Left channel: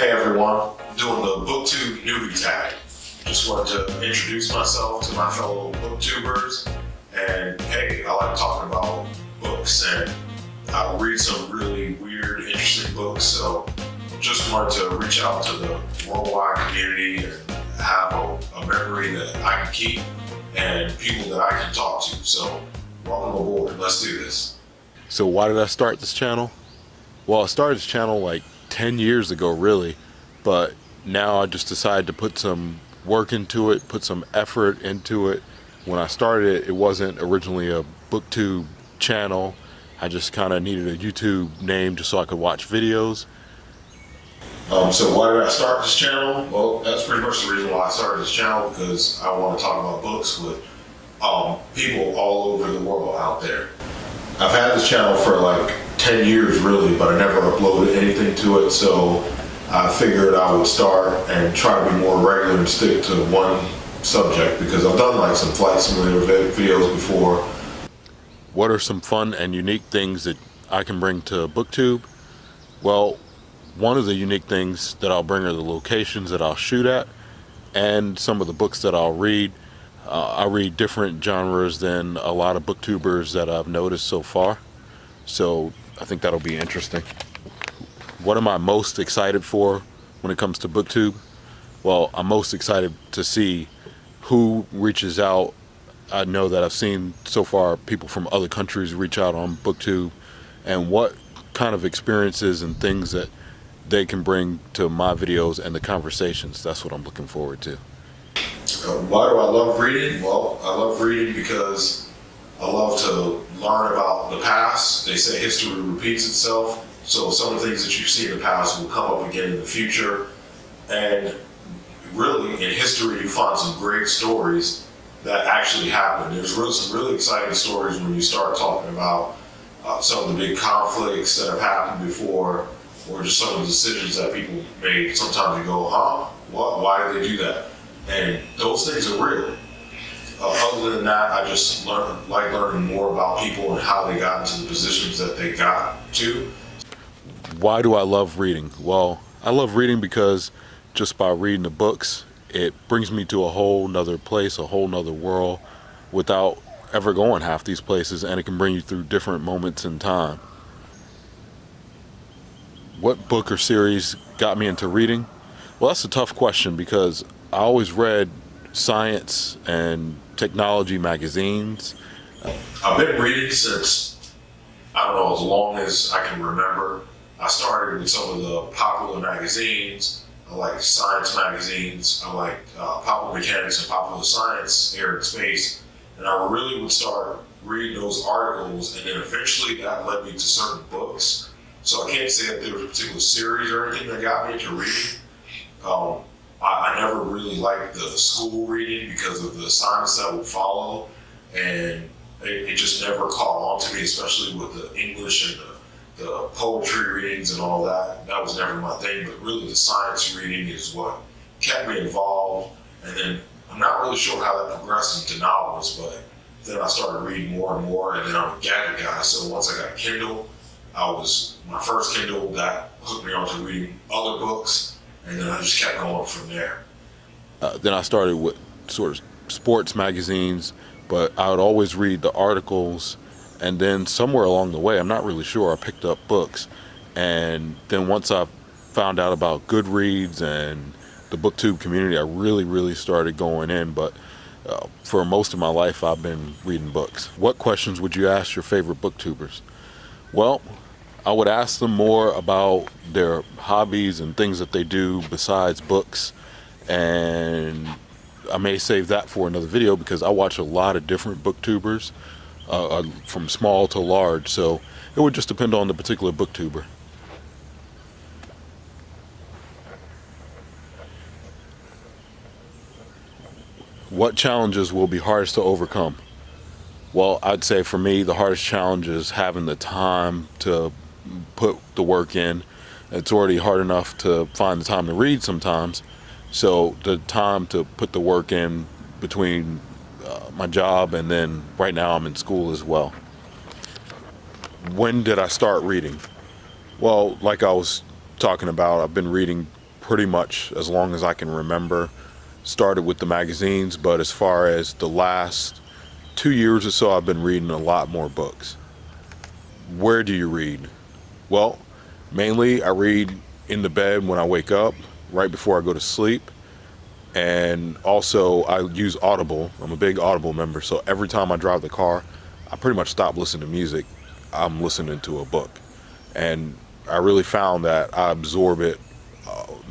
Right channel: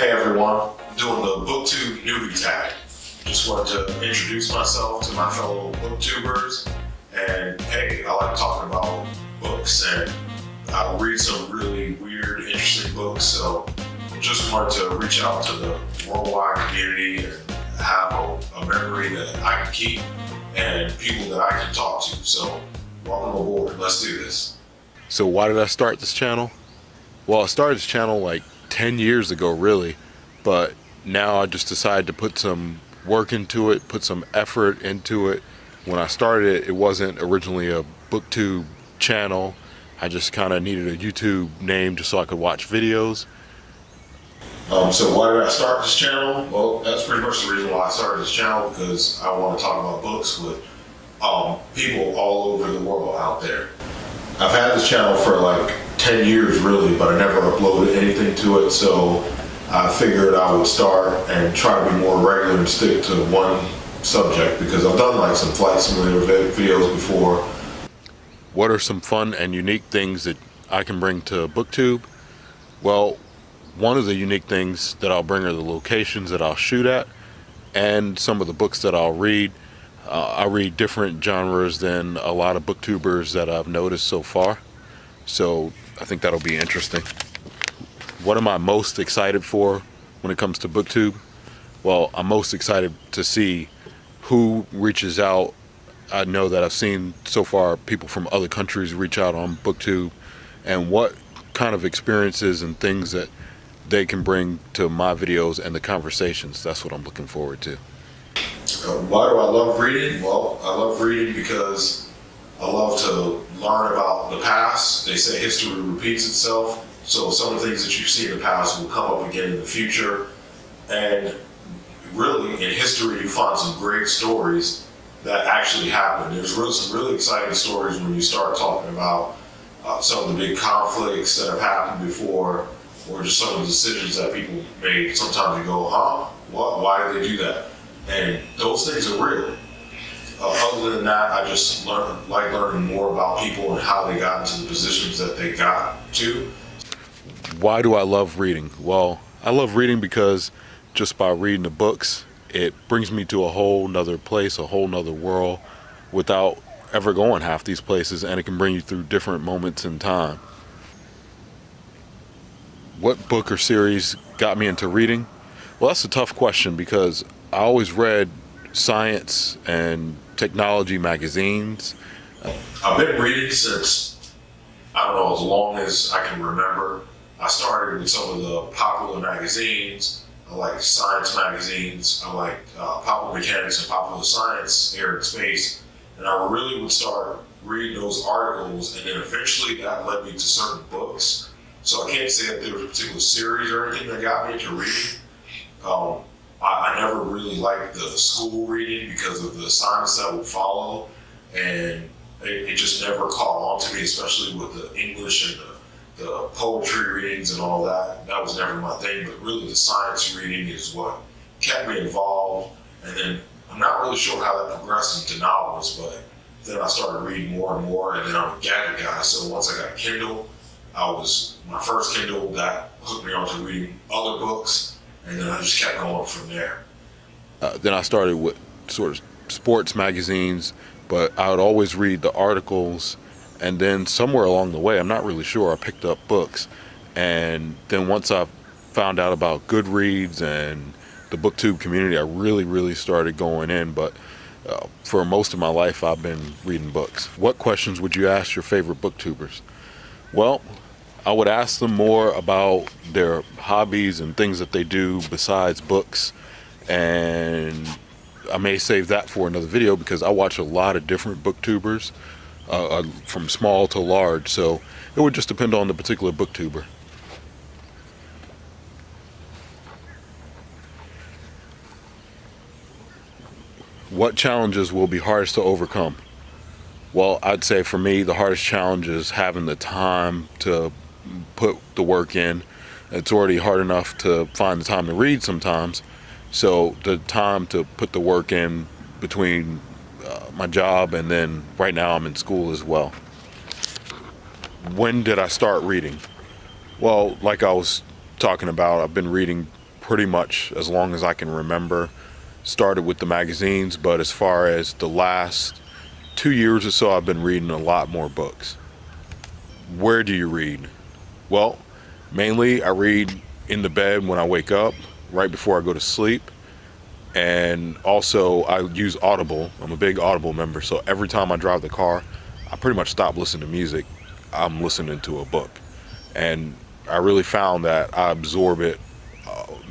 Hey everyone, I'm doing the Booktube Newbie Tag. Just wanted to introduce myself to my fellow booktubers, and hey, I like talking about books, and I read some really weird, interesting books, so just wanted to reach out to the worldwide community and have a memory that I can keep and people that I can talk to. So welcome aboard, let's do this. So why did I start this channel? Well, I started this channel like 10 years ago really, but now I just decided to put some work into it, put some effort into it. When I started it, it wasn't originally a Booktube channel. I just kind of needed a YouTube name just so I could watch videos. So why did I start this channel? Well, that's pretty much the reason why I started this channel, because I want to talk about books with people all over the world out there. I've had this channel for like 10 years really, but I never uploaded anything to it, so I figured I would start and try to be more regular and stick to one subject, because I've done like some flight simulator videos before. What are some fun and unique things that I can bring to Booktube? Well, one of the unique things that I'll bring are the locations that I'll shoot at and some of the books that I'll read. I read different genres than a lot of booktubers that I've noticed so far, so I think that'll be interesting. What am I most excited for when it comes to Booktube? Well, I'm most excited to see who reaches out. I know that I've seen so far people from other countries reach out on Booktube, and what kind of experiences and things that they can bring to my videos and the conversations. That's what I'm looking forward to. Why do I love reading? Well, I love reading because I love to learn about the past. They say history repeats itself, so some of the things that you see in the past will come up again in the future. And really, in history, you find some great stories that actually happened. There's some really exciting stories when you start talking about some of the big conflicts that have happened before, or just some of the decisions that people made. Sometimes you go, huh? What? Why did they do that? And those things are real. Other than that, I just like learning more about people and how they got into the positions that they got to. Why do I love reading? Well, I love reading because just by reading the books, it brings me to a whole nother place, a whole nother world, without ever going half these places, and it can bring you through different moments in time. What book or series got me into reading? Well, that's a tough question because I always read science and technology magazines. I've been reading since, I don't know, as long as I can remember. I started with some of the popular magazines. I like science magazines. I like Popular Mechanics and Popular Science, Air and Space. And I really would start reading those articles, and then eventually that led me to certain books. So I can't say that there was a particular series or anything that got me into reading. I never really liked the school reading because of the assignments that would follow, and it just never caught on to me, especially with the English and the poetry readings and all that. That was never my thing, but really the science reading is what kept me involved. And then I'm not really sure how that progressed into novels, but then I started reading more and more, and then I'm a gadget guy, so once I got a Kindle, my first Kindle, that hooked me onto reading other books, and then I just kept going from there. Then I started with sort of sports magazines, but I would always read the articles, and then somewhere along the way, I'm not really sure, I picked up books. And then once I found out about Goodreads and the Booktube community, I really started going in. But for most of my life, I've been reading books. What questions would you ask your favorite booktubers? Well, I would ask them more about their hobbies and things that they do besides books, and I may save that for another video because I watch a lot of different booktubers, from small to large, so it would just depend on the particular booktuber. What challenges will be hardest to overcome? Well, I'd say for me, the hardest challenge is having the time to put the work in. It's already hard enough to find the time to read sometimes, so the time to put the work in between my job and then right now I'm in school as well. When did I start reading? Well, like I was talking about, I've been reading pretty much as long as I can remember. Started with the magazines, but as far as the last 2 years or so, I've been reading a lot more books. Where do you read? Well, mainly I read in the bed when I wake up, right before I go to sleep. And also I use Audible. I'm a big Audible member, so every time I drive the car, I pretty much stop listening to music. I'm listening to a book. And I really found that I absorb it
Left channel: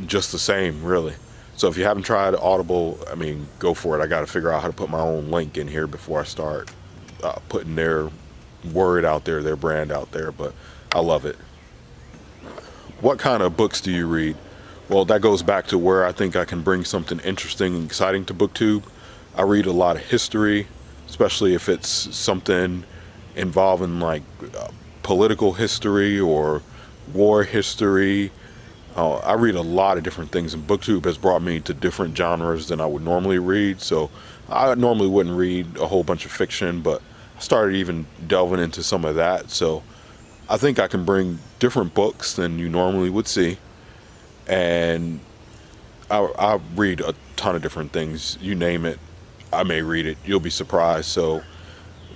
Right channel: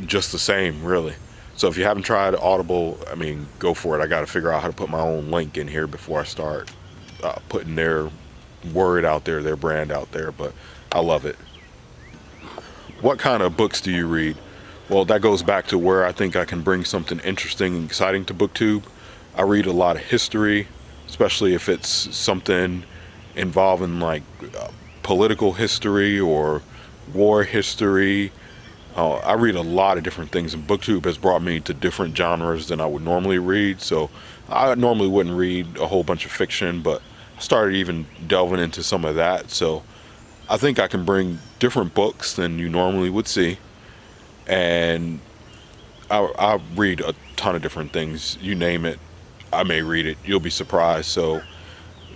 just the same, really. So if you haven't tried Audible, I mean, go for it. I got to figure out how to put my own link in here before I start putting their word out there, their brand out there, but I love it. What kind of books do you read? Well, that goes back to where I think I can bring something interesting and exciting to Booktube. I read a lot of history, especially if it's something involving like political history or war history. I read a lot of different things, and Booktube has brought me to different genres than I would normally read. So I normally wouldn't read a whole bunch of fiction, but I started even delving into some of that. So I think I can bring different books than you normally would see. And I read a ton of different things. You name it, I may read it. You'll be surprised. So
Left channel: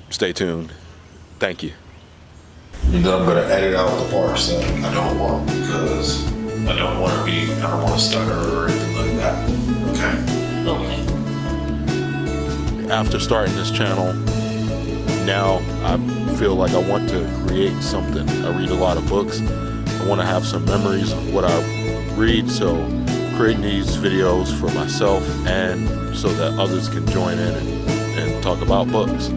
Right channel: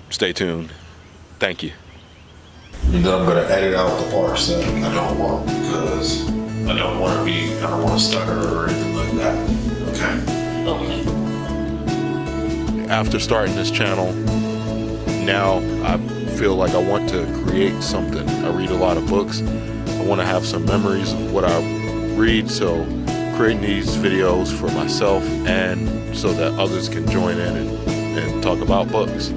stay tuned. Thank you. And then I'm going to edit out the parts that I don't want, because I don't want to stutter or anything like that. Okay? Okay. After starting this channel, now I feel like I want to create something. I read a lot of books. I want to have some memories of what I read, so creating these videos for myself and so that others can join in and talk about books.